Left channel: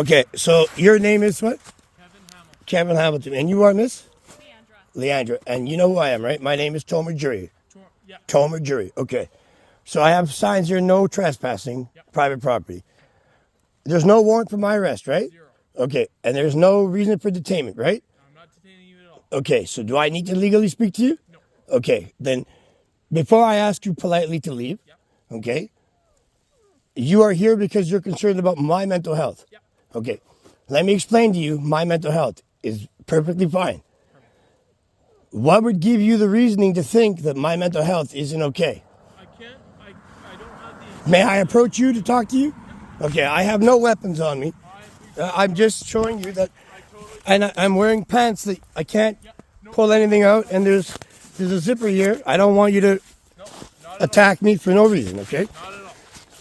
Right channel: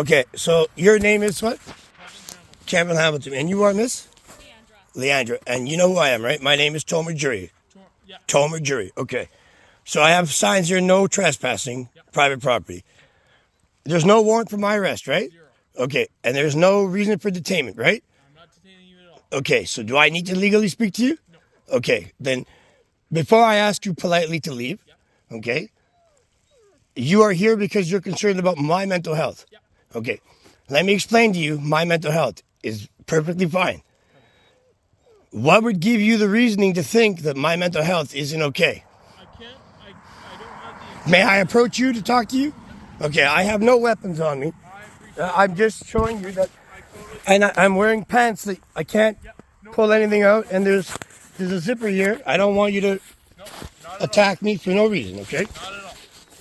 Okay, so your name is what? Kevin Hamilton. And you are Miss? Leandra. And you know who I am, right? My name is Tomer Jury. Yeah. Tomer Jury. Okay. So I have signs here, no trespassing, private property. There's no warrant for my arrest, right? 0. Okay. And there's no reason for detainment, right? I'm not detaining you at all. Okay. So do I need to legally speak to you? No. Okay. Then before I ask you politely to leave, okay, you are here because you're concerned about my mental health. Yep. Okay. Let me explain to you, my mental health is perfectly fine. What would give you the reasoning to think that my mental health isn't okay? I don't have the... May I approach you to talk to you? Okay, I have no weapons on me. I'm just showing you that, and I'm wearing pants that I can't pull anything out, and there's a zipper here. I don't want you to attack me for no reason, okay? Not at all.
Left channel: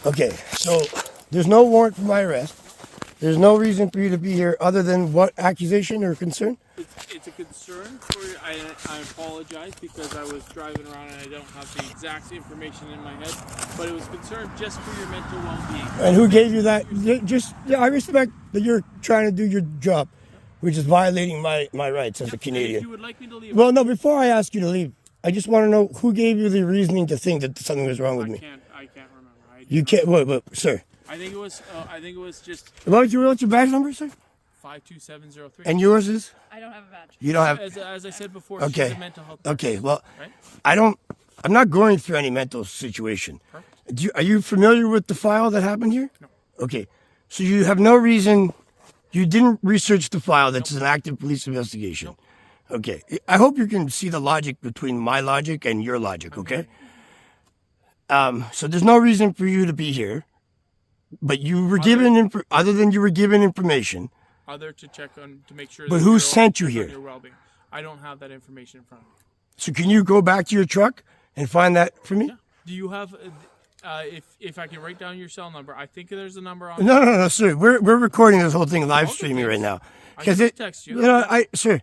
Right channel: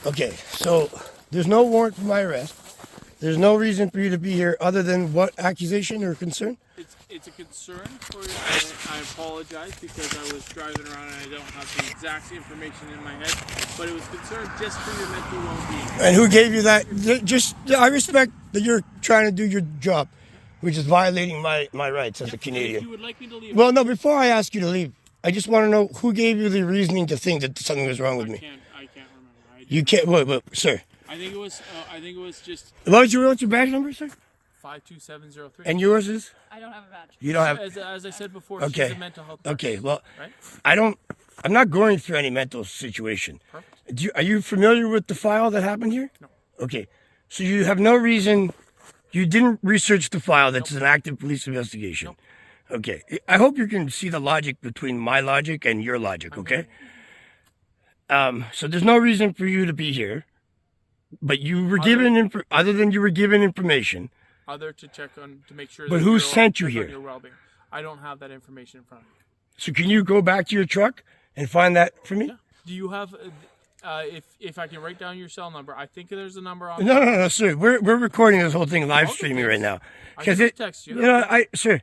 Okay, so there's no warrant for my arrest. There's no reason for you to be here other than what accusation or concern? It's a concern for you, and I apologize because I was driving around and I don't have the exact information in my head, but it was concern just for your mental well-being. And who gave you that? I respect that you're trying to do your job, which is violating my rights as a Canadian. If you would like me to leave... Well, no, before I ask you to leave, I just want to know who gave you the reasoning to think that something was wrong with me. I can't remember. You can't, wait, sir. I think it was just... What's your badge number, sir? 52703. And yours is? I don't have a badge. You don't have... As I said before, Okay. she's a mental health person. Okay, well, Right? I'm not going through any mental situation. Perfect. Are you familiar with the file that happened here? No. Okay, so you have no reason, you didn't research the file that's an active police investigation. Nope. Okay, I hope you can see the logic between my logic and your logic, okay? So there's no reason for you to be here, but you were other than you were given information. Other to check on, to make sure But that who you're sent you check on here? your well-being. I don't have that information in front of me. So can you go back to your truck and find that for me? Yeah. Do you have, if I can write down your cell number, I think there's a number on... No, sir. We're recording this whole thing live streaming right now. I can just text you. Sir,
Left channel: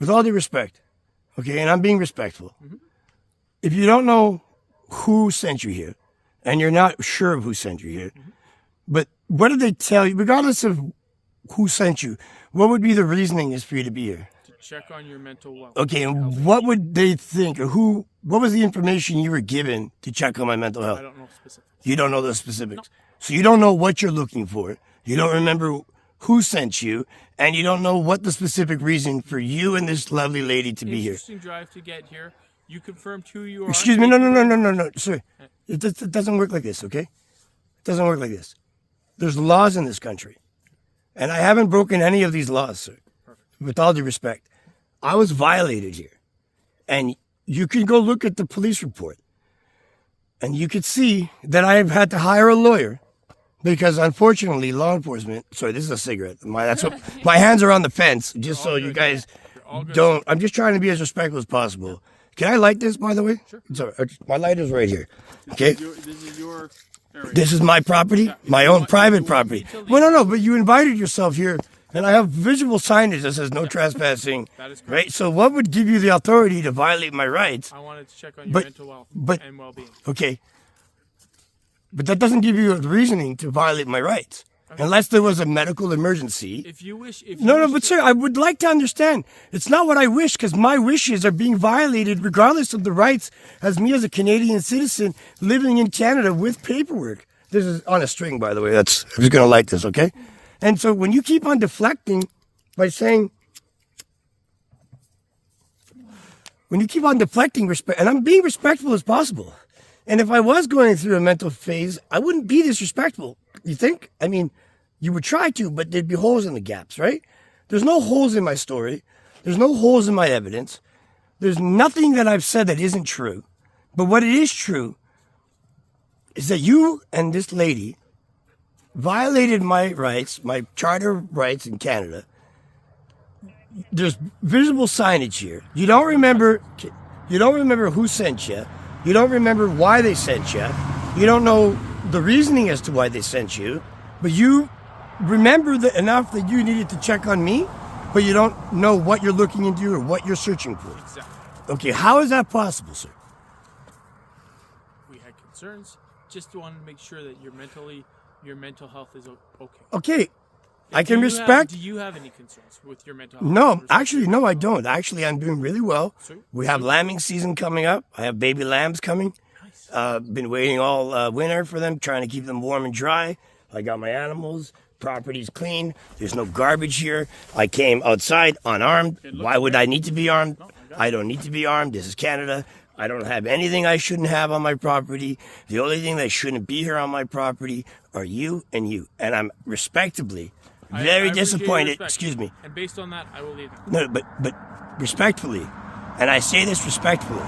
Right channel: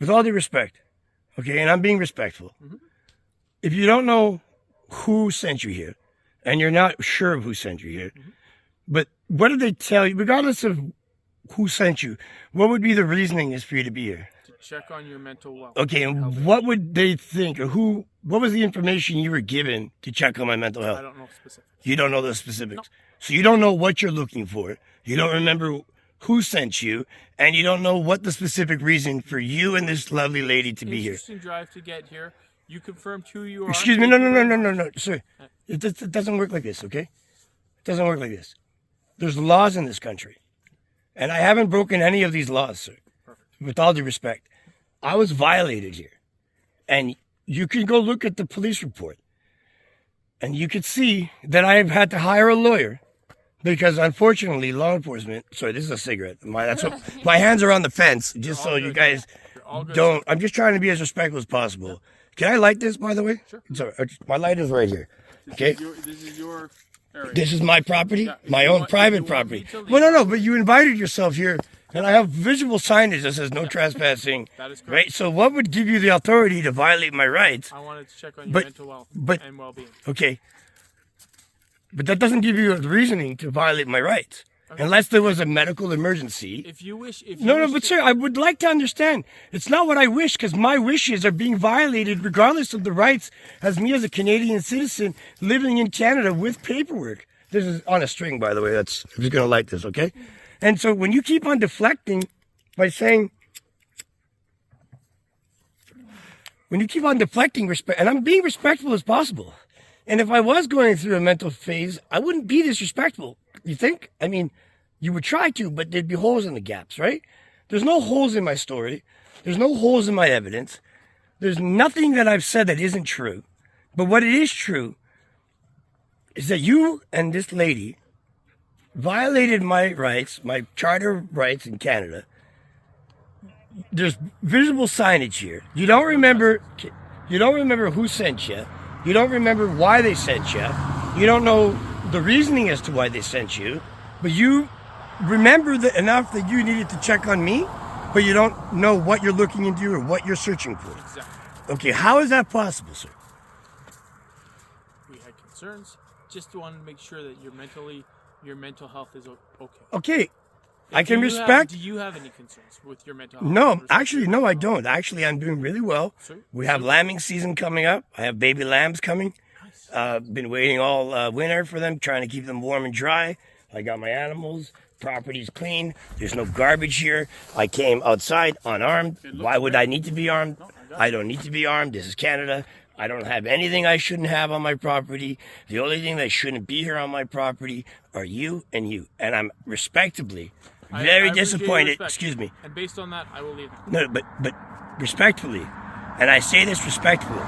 with all due respect, okay, and I'm being respectful. If you don't know who sent you here, and you're not sure of who sent you here, but what did they tell you, regardless of who sent you, what would be the reasoning is for you to be here? To check on your mental well. Okay, and what would they think, or what was the information you were given to check on my mental health? I don't know specifics. You don't know the specifics. No. So you don't know what you're looking for. You don't remember who sent you, and you don't know what the specific reason for you and this lovely lady to be here. Interesting drive to get here. You confirmed who you are. Excuse me, no, sir. It doesn't work like this, okay? It doesn't work like this. There's laws in this country, and I haven't broken any of these laws, sir. Perfect. With all due respect. I was violated here, and you can go look at the police report, and you could see that I've had to hire a lawyer because, unfortunately, law enforcement... Sorry, this is a cigarette. My hands are on the fence, just so you guys don't... I'm just trying to be as respectful as possible. Yeah. Can I light this, by the way? Sure. Sorry, my lighter's right here. Okay? This is your area. This is my property, Yeah, my own private property. Well, no, but you invited yourself here, and I have visual signage that says no trespassing. That is correct. Right? So what would give you the authority to violate my rights? I wanted to check on your mental health and well-being. Okay. But that doesn't give you the reasoning to violate my rights. Okay. Unless there was a medical emergency. If you wish... Sir, I would like to understand. It's not what I wish, because my wishes are being violated regardless of the rights as me as a Canadian citizen living in Canada with paperwork. This is on a string, by the way. I'm just going to light this, okay? And so when you keep on deflecting by saying... When you keep on deflecting respect... And I'm being respectful as possible. And if I was going through a mental phase, I wouldn't be disrespectful. You think? I mean, you would try to, but there'd be holes in the gaps, right? There's no holes in my story. There's no holes in my evidence. There's nothing that I've said that isn't true. But what it is true is that you and this lady violated my rights, my charter rights in Canada. There's visible signage here. You don't remember who sent you. You don't remember why they sent you. You don't know the reasoning as to why they sent you. But you remember enough that you needed to check on me, but you don't know what you're looking into or what you're searching for. Exactly. Okay, how is that possible, sir? We had concerns. Just wanted to make sure that your mental health is okay. Okay, I can respect. Do you have any concerns with your mental health? No, actually, no, I don't. Actually, I'm doing really well. We have Super. lambing season coming up. I have baby lambs coming. Nice. Been waiting all winter for them, trying to keep them warm and dry. I got my animals. Property's clean. There's no garbage here. I came outside unarmed. Why would I need to be armed? I don't need to be armed. This is Canada. I don't have anything I shouldn't have on my property. The only thing that shouldn't be here on my property are you and you. And I'm respectably very disappointed. Excuse me. And based on that, I will leave now. No, but respectfully, and I say this respectfully,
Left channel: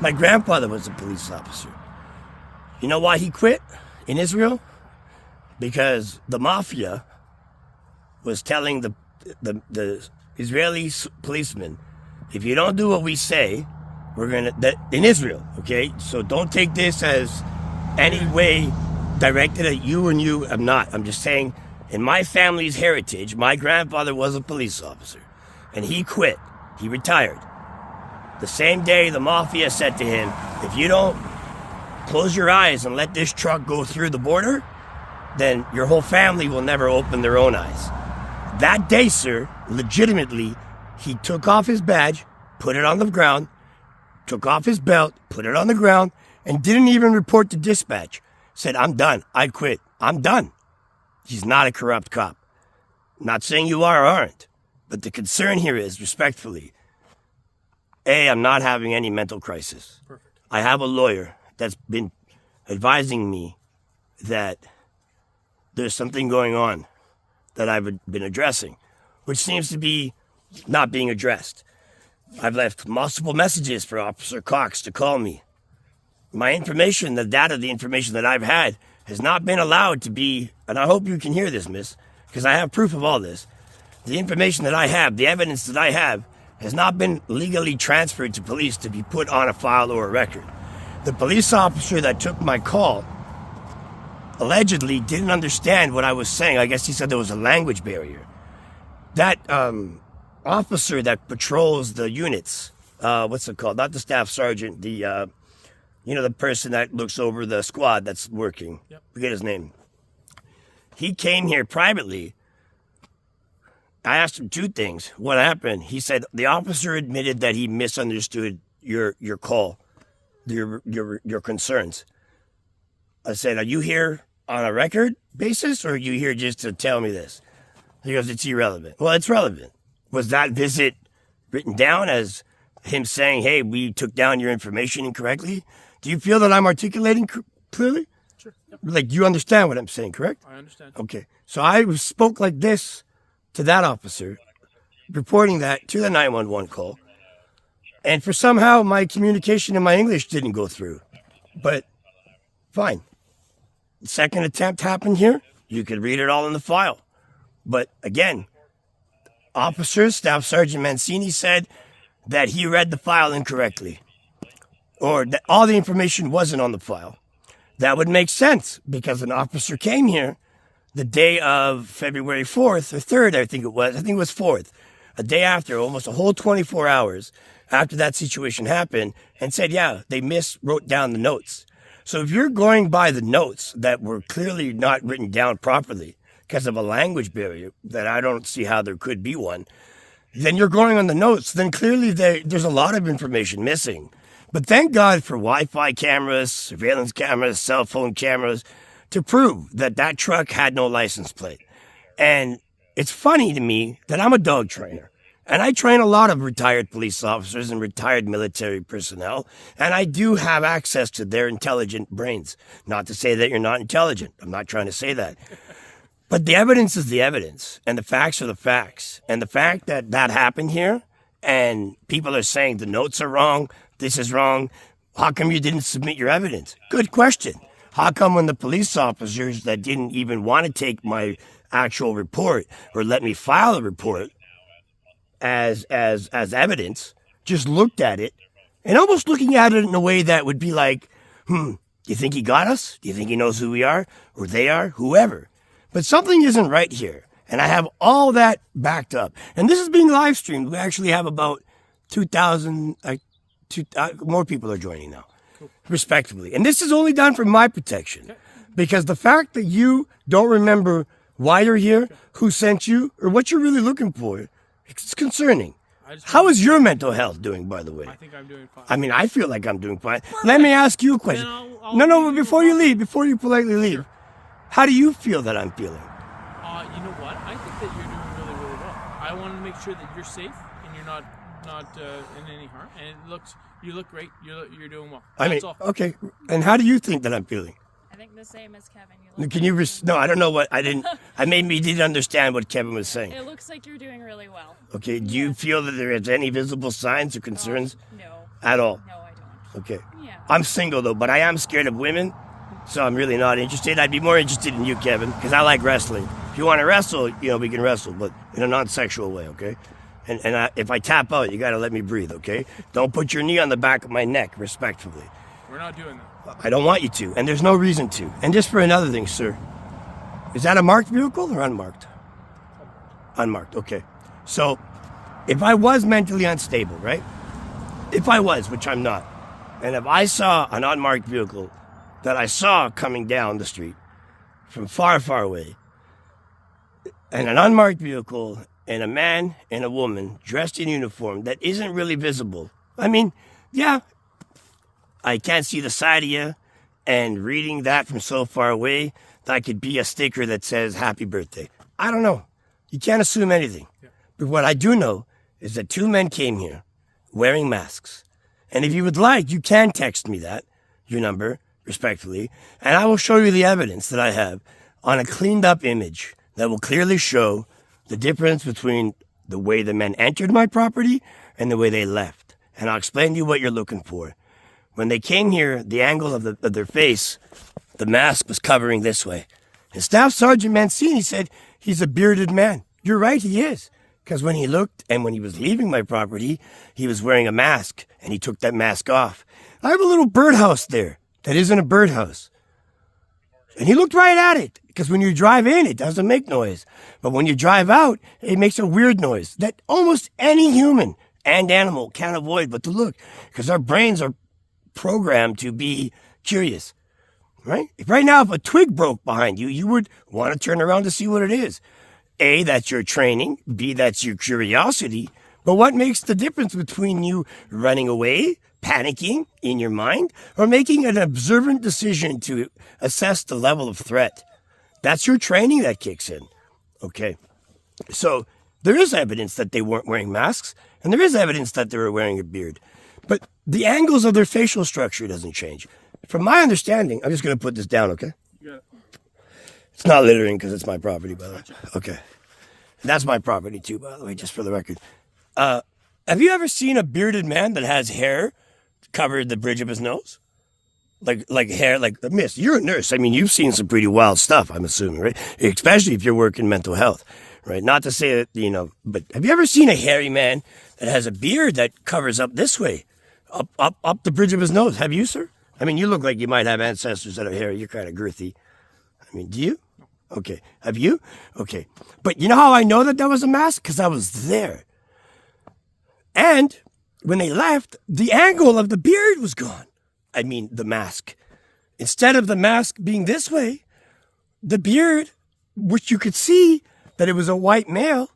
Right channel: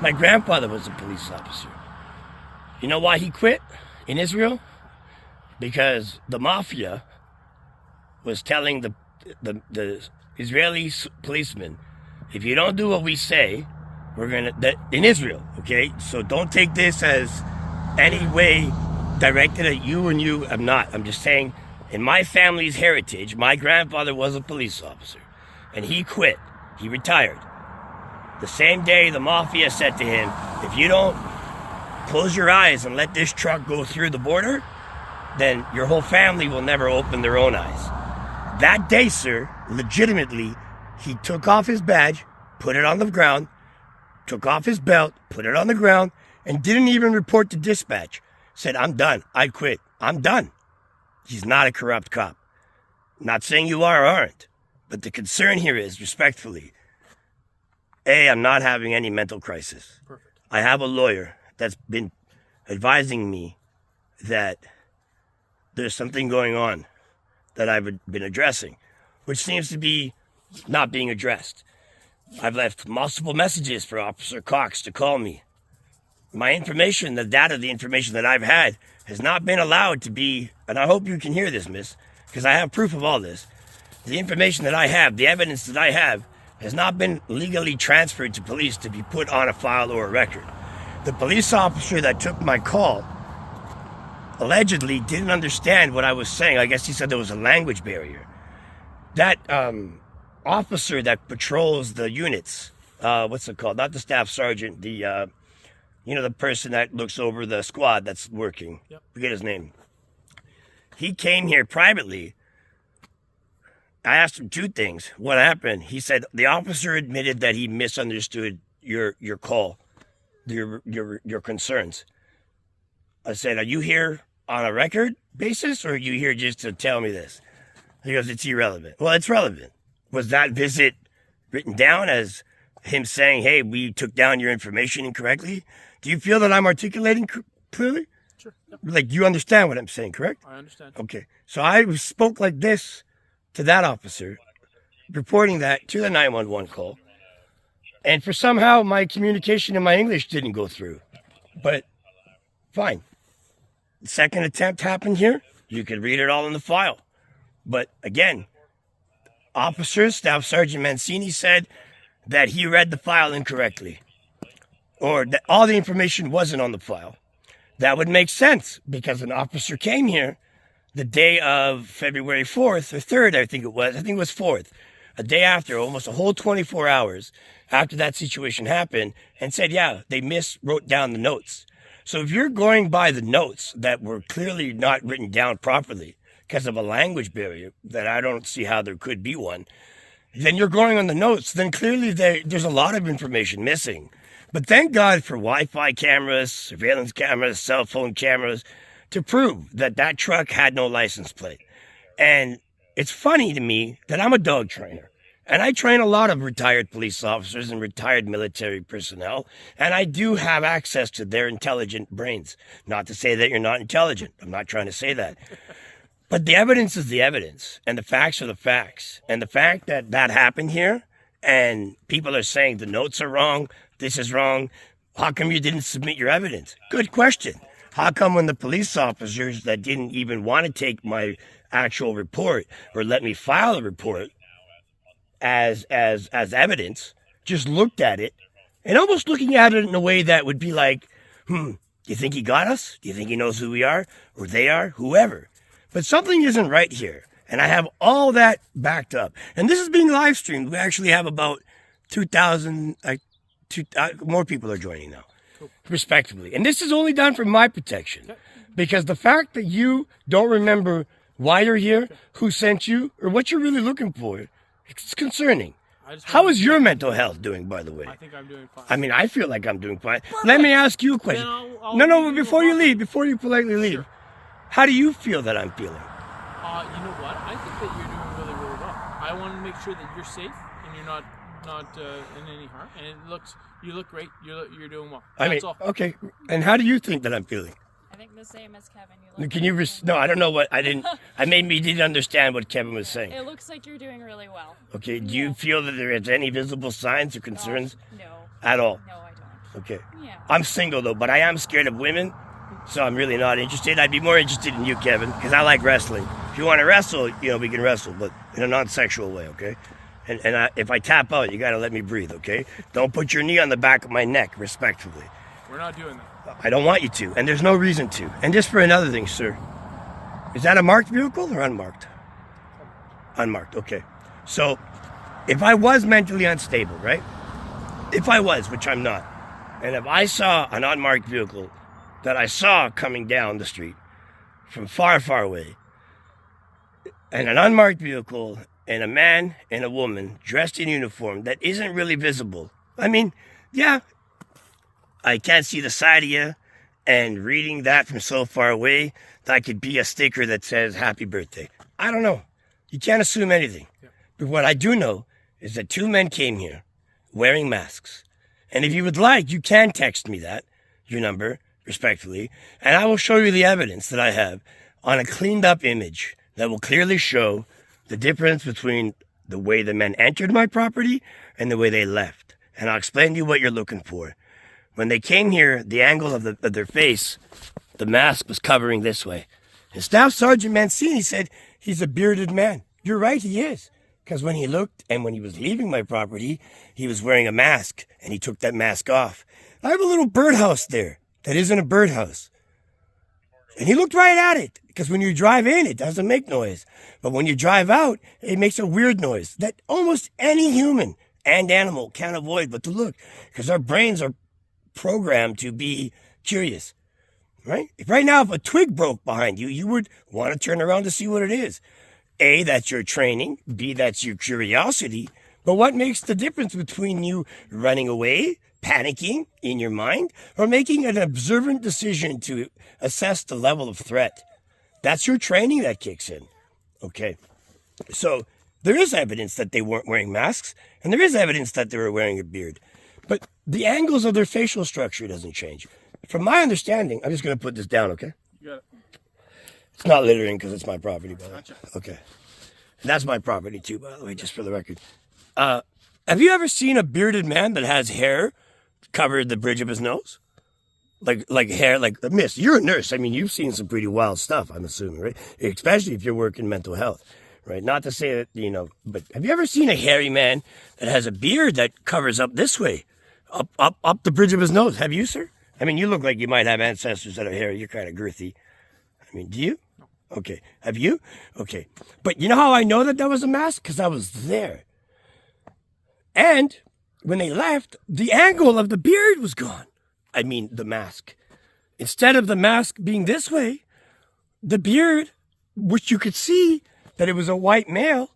my grandfather was a police officer. You know why he quit in Israel? Because the mafia was telling the Israeli policemen, if you don't do what we say, we're gonna, in Israel, okay? So don't take this as any way directed at you and you. I'm not. I'm just saying, in my family's heritage, my grandfather was a police officer, and he quit. He retired. The same day, the mafia said to him, if you don't close your eyes and let this truck go through the border, then your whole family will never open their own eyes. That day, sir, legitimately, he took off his badge, put it on the ground, took off his belt, put it on the ground, and didn't even report to dispatch. Said, I'm done. I quit. I'm done. He's not a corrupt cop. Not saying you are or aren't, but the concern here is, respectfully, A, I'm not having any mental crisis. Perfect. I have a lawyer that's been advising me that there's something going on that I've been addressing, which seems to be not being addressed. I've left multiple messages for Officer Cox to call me. My information, the data, the information that I've had has not been allowed to be, and I hope you can hear this, miss, because I have proof of all this. The information that I have, the evidence that I have, has not been legally transferred to police to be put on a file or a record. The police officer that took my call allegedly didn't understand what I was saying. I guess he said there was a language barrier. That officer that patrols the units, what's it called? Not the staff sergeant, the the person that looks over the squad that's working. Yep. Forget his name. He came here privately. I asked him two things. What happened? He said the officer admitted that he misunderstood your call, your concerns. I said, are you here on a record basis, or are you here just to tell me this? He goes, it's irrelevant. Well, it's relevant. Was that visit written down as him saying, hey, we took down your information incorrectly? Do you feel that I'm articulating clearly? Sure. Yep. Like, you understand what I'm saying, correct? I understand. Okay. So I spoke like this to that officer, reporting that to the 911 call. And for somehow my communication in my English didn't go through. But fine. The second attempt happened here. You could read it all in the file. But again, officer, Staff Sergeant Mancini said that he read the file incorrectly, or that all the information wasn't on the file. That would make sense because an officer came here the day of February 4th or 3rd, I think it was 4th, a day after, almost a whole 24 hours after that situation happened, and said, yeah, they wrote down the notes. So if you're going by the notes that were clearly not written down properly because of a language barrier, that I don't see how there could be one, then you're going on the notes, then clearly there's a lot of information missing. But thank God for Wi-Fi cameras, surveillance cameras, cell phone cameras, to prove that that truck had no license plate. And it's funny to me that I'm a dog trainer. And I train a lot of retired police officers and retired military personnel. And I do have access to their intelligent brains. Not to say that you're not intelligent. I'm not trying to say that. But the evidence is the evidence. And the facts are the facts. And the fact that that happened here, and people are saying the notes are wrong, this is wrong, how come you didn't submit your evidence? Good question. How come when the police officers that didn't even want to take my actual report or let me file a report as evidence, just looked at it, and almost looking at it in a way that would be like, do you think he got us? Do you think he knows who we are? Or they are? Whoever. But something isn't right here. And I have all that backed up. And this is being live streamed. We actually have about 2,000, more people are joining now. Cool. Respectively. And this is only done for my protection. Okay. Because the fact that you don't remember why you're here, who sent you, or what you're really looking for. It's concerning. How is your mental health doing, by the way? I think I'm doing fine. I mean, I feel like I'm doing fine. Let me ask you a question. Then I'll No, leave you before you alone. leave, before you politely leave, Sure. how do you feel that I'm feeling? You know what? I think that you're doing really, really well. I want to make sure that you're safe and you're not in any harm. And you look great. You're doing well. That's all. Okay. And how do you think that I'm feeling? I think the same as Kevin. You look Can you? No, I don't know what I didn't. I maybe didn't understand what Kevin was saying. It looks like you're doing really well. Okay. Do you feel that there is any visible signs or concerns No. at all? No, I don't. Okay. Yeah. I'm single though, but I am scared of women, so I'm really not interested. I'd be more interested in you, Kevin, because I like wrestling. If you want to wrestle, we can wrestle, but in a non-sexual way, okay? And if I tap out, you got to let me breathe, okay? Don't put your knee on the back of my neck, respectfully. We're not doing that. I don't want you to, and there's no reason to. And just for another thing, sir, is that a marked vehicle or unmarked? Unmarked, okay. So, if I was mentally unstable, right? If I was, which I'm not, and if I saw an unmarked vehicle that I saw coming down the street from far, far away, and an unmarked vehicle, and a man and a woman dressed in uniform that isn't really visible, I mean, yeah, I can't see the side of you, and reading that from so far away, that could be a sticker that says happy birthday. I don't know. You can't assume anything. Yeah. But what I do know is that two men came here wearing masks. And if you would like, you can text me your number, respectfully, and I will show you the evidence that I have on a cleaned up image that will clearly show the difference between the way the men entered my property and the way they left. And I'll explain to you what you're looking for. When they came here, the angle of their face, the mask was covering this way. And Staff Sergeant Mancini said he's a bearded man. You're right, he is. Because when he looked and when he was leaving my property, he was wearing a mask and he took that mask off. I have a little birdhouse there that isn't a birdhouse. And he looked right at it. Because when you drive in, it doesn't make noise. But when you drive out, it makes a weird noise that almost any human and animal can't avoid but to look. Because our brains are programmed to be curious, right? Right now, if a twig broke behind you, you would want to turn around to see what it is. A, that's your training. B, that's your curiosity. But what makes the difference between you running away, panicking in your mind, or making an observant decision to assess the level of threat? That's your training that kicks in. Okay. So there is evidence that they weren't wearing masks, and there is evidence that they were wearing a beard. But the angles of their facial structure doesn't change. From my understanding, I'm just going to put this down, okay? You got it. It's not littering because it's my property, by the way. Gotcha. Okay. That's my property too, by the way, just for the record. Have you ever seen a bearded man that has hair covered the bridge of his nose? Like hair, like a myth. You're a nurse. I mean, you've seen some pretty wild stuff, I'm assuming, right? Especially if you're working mental health, right? Not to say that, but have you ever seen a hairy man that has a beard that covers up this way? Up the bridge of his nose. Have you, sir? I mean, you look like you might have ancestors that are hairy. You're kind of girthy. I mean, do you? No. Okay. Have you? Okay. But you know how I know that was a mask? Because I was there. And when they left, the angle of the beard was gone. I mean, the mask. Instead of the mask being this way, the beard, which you could see that it was a white male,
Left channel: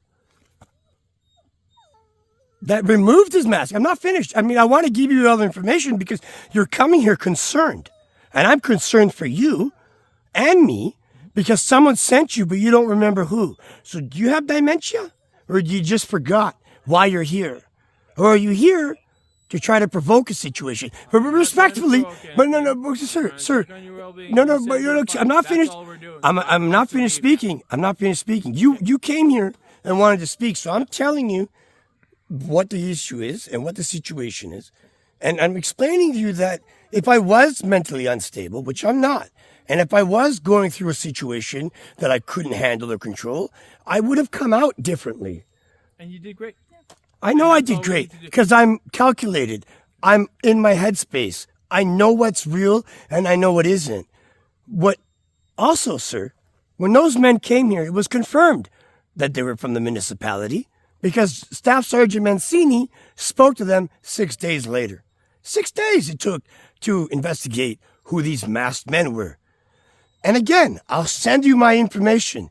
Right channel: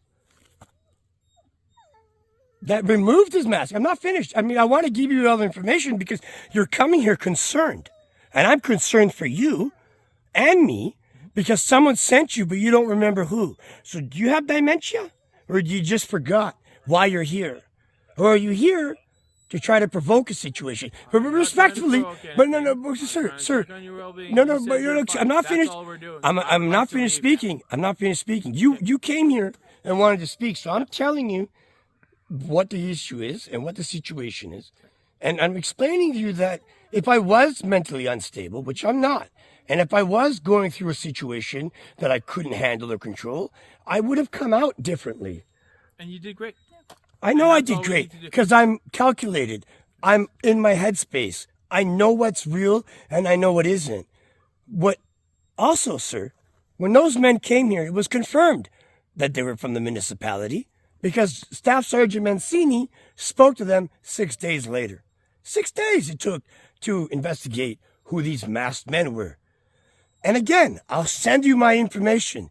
that removed his mask. I'm not finished. I mean, I want to give you all the information because you're coming here concerned. And I'm concerned for you and me because someone sent you, but you don't remember who. So do you have dementia? Or you just forgot why you're here? Or are you here to try to provoke a situation? But respectfully, but no, sir. No, but look, I'm not finished. I'm not finished speaking. I'm not finished speaking. You came here and wanted to speak, so I'm telling you what the issue is and what the situation is. And I'm explaining to you that if I was mentally unstable, which I'm not, and if I was going through a situation that I couldn't handle or control, I would have come out differently. And you did great. I know I did great because I'm calculated. I'm in my headspace. I know what's real and I know what isn't. What also, sir, when those men came here, it was confirmed that they were from the municipality because Staff Sergeant Mancini spoke to them 6 days later. 6 days it took to investigate who these masked men were. And again, I'll send you my information.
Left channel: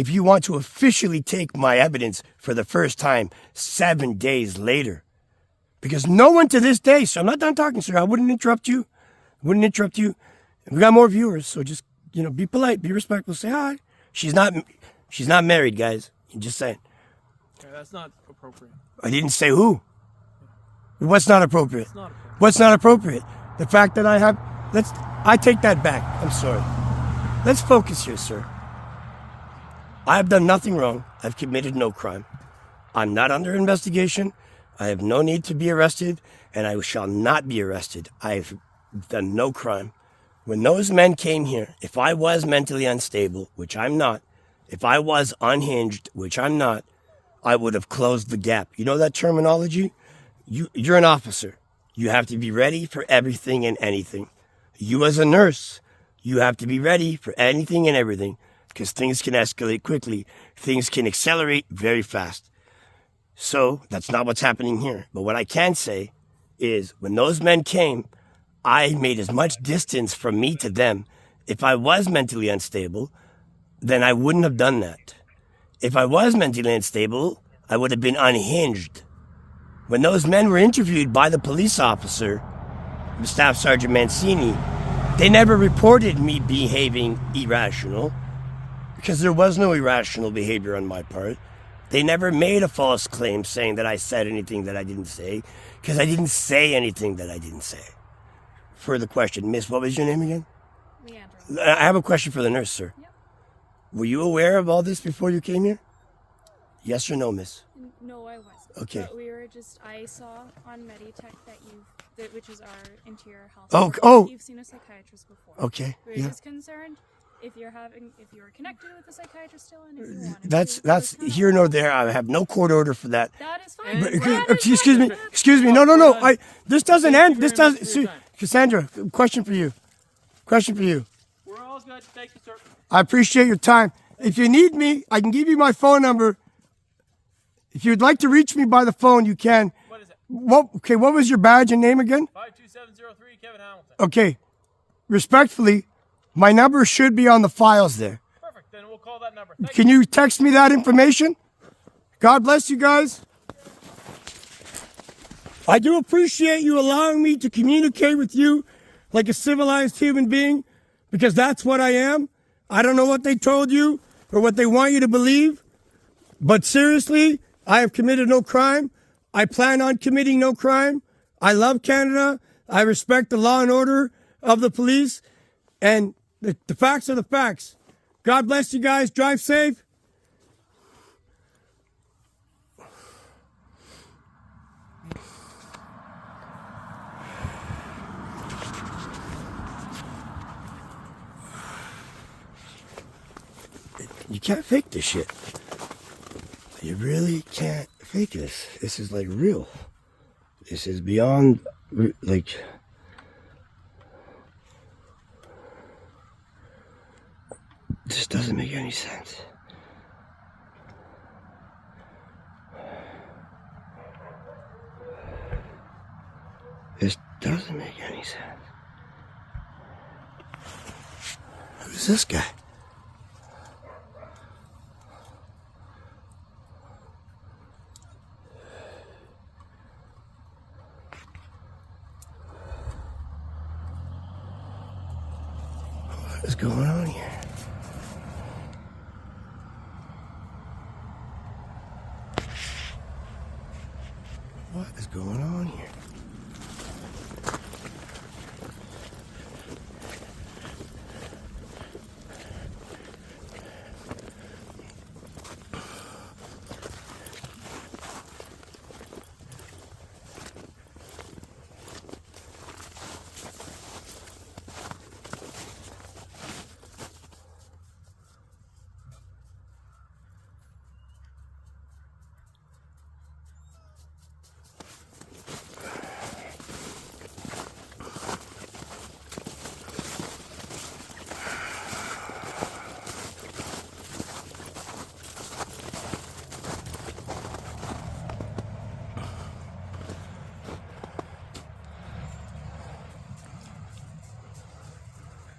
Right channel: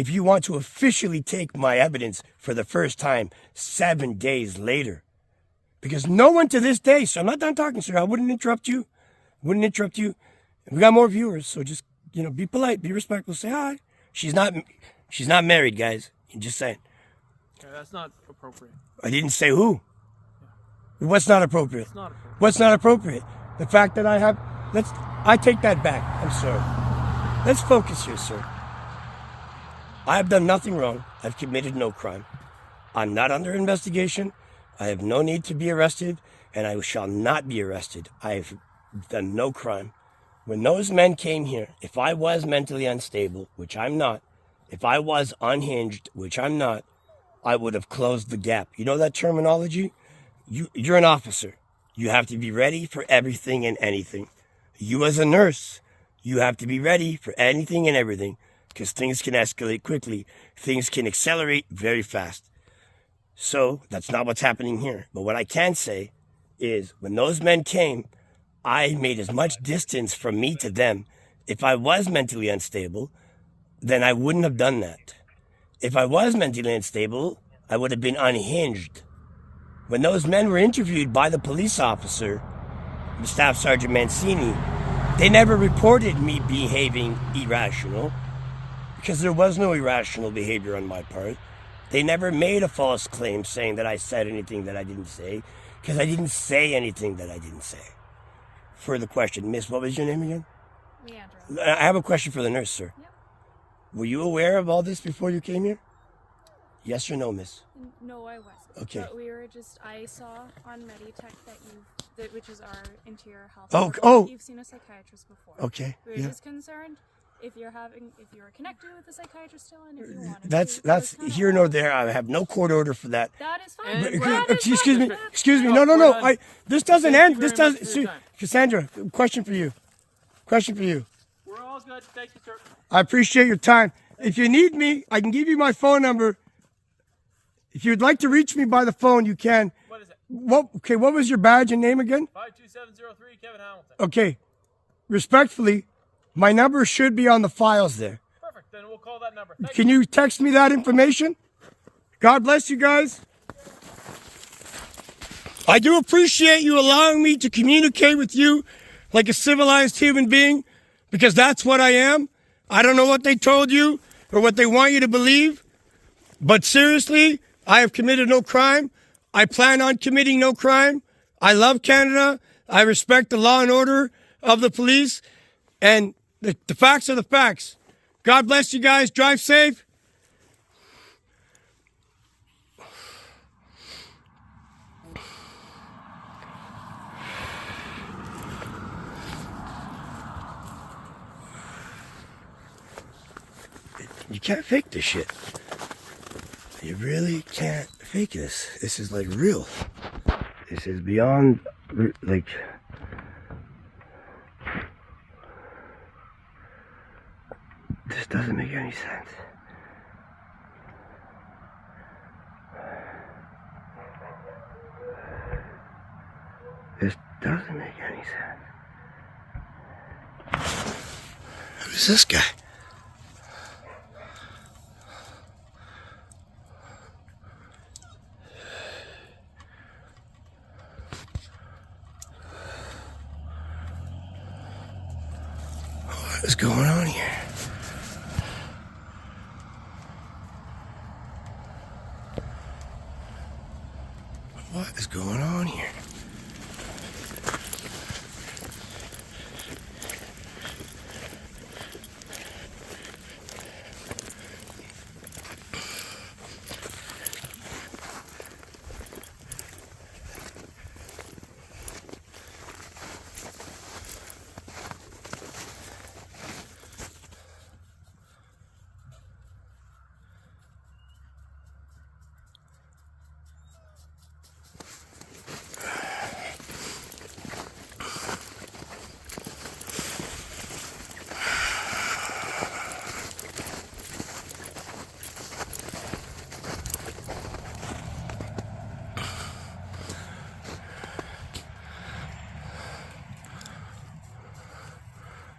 if you want to officially take my evidence for the first time 7 days later. Because no one to this day, so I'm not done talking, sir. I wouldn't interrupt you. We got more viewers, so just, be polite, be respectful, say hi. She's not married, guys. I'm just saying. Yeah, that's not appropriate. I didn't say who. Yeah. What's not appropriate? It's not appropriate. What's not appropriate? The fact that I take that back. I'm sorry. Let's focus here, sir. I have done nothing wrong. I've committed no crime. I'm not under investigation. I have no need to be arrested, and I shall not be arrested. I've done no crime. When those men came here, if I was mentally unstable, which I'm not, if I was unhinged, which I'm not, I would have closed the gap. You know that terminology? You're an officer. You have to be ready for everything and anything. You as a nurse, you have to be ready for anything and everything, because things can escalate quickly. Things can accelerate very fast. So that's not what's happening here. But what I can say is when those men came, I made as much distance from me to them. If I was mentally unstable, then I wouldn't have done that. If I was mentally unstable, I would have been unhinged. When those men were interviewed by the police officer, Staff Sergeant Mancini, they never reported me behaving irrational, because there was no irrational behavior on my part. They never made a false claim saying that I said anything that I didn't say, because I didn't say anything that I didn't say. Further question. Miss, what was your name again? Leandra. I have a question for the nurse, sir. Yep. Were you aware of all this before you came here? Yes or no, miss? No, I wasn't. Okay. But I saw on Meditech which is our interior health. Oh, portal, oh. You've seen a psychiatrist before. Okay. We were Yeah. just concerned if you were connected with the psychiatrist still, and if you wanted That's to. That was kinda here nor all. there. I have no court order for that. That is fine. And That we're- is Excuse fine. me. Excuse me. No. we're done. This doesn't Thank end. you This very much doesn't. for your time. Cassandra, question for you. We're all good. Thank you, sir. I appreciate your time. If you need me, I can give you my phone number. If you'd like to reach me by the phone, you can. What is it? What was your badge and name again? 52703, Kevin Hamilton. Okay. Respectfully, my number should be on the files there. Perfect. Then we'll call that number. Thank Can you text me that information? God bless you guys. I do appreciate you allowing me to communicate with you like a civilized human being, because that's what I am. I don't know what they told you or what they want you to believe, but seriously, I have committed no crime. I plan on committing no crime. I love Canada. I respect the law and order of the police, and the facts are the facts. God bless you guys. Drive safe. You can't fake this shit. You really can't fake this. This is like real. This is beyond, like, this doesn't make any sense. This doesn't make any sense. Who's this guy? What is going on here? What is going on here?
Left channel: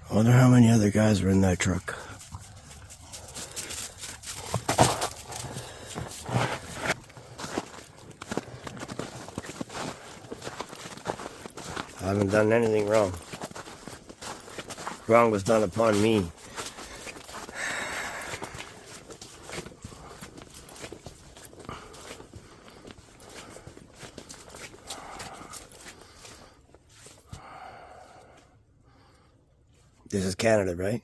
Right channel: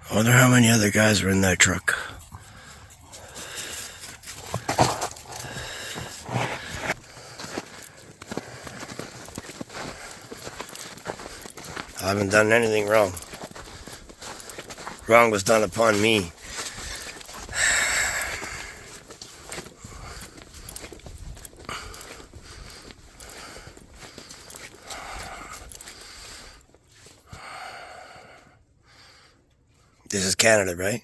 I wonder how many other guys were in that truck. I haven't done anything wrong. Wrong was done upon me. This is Canada, right?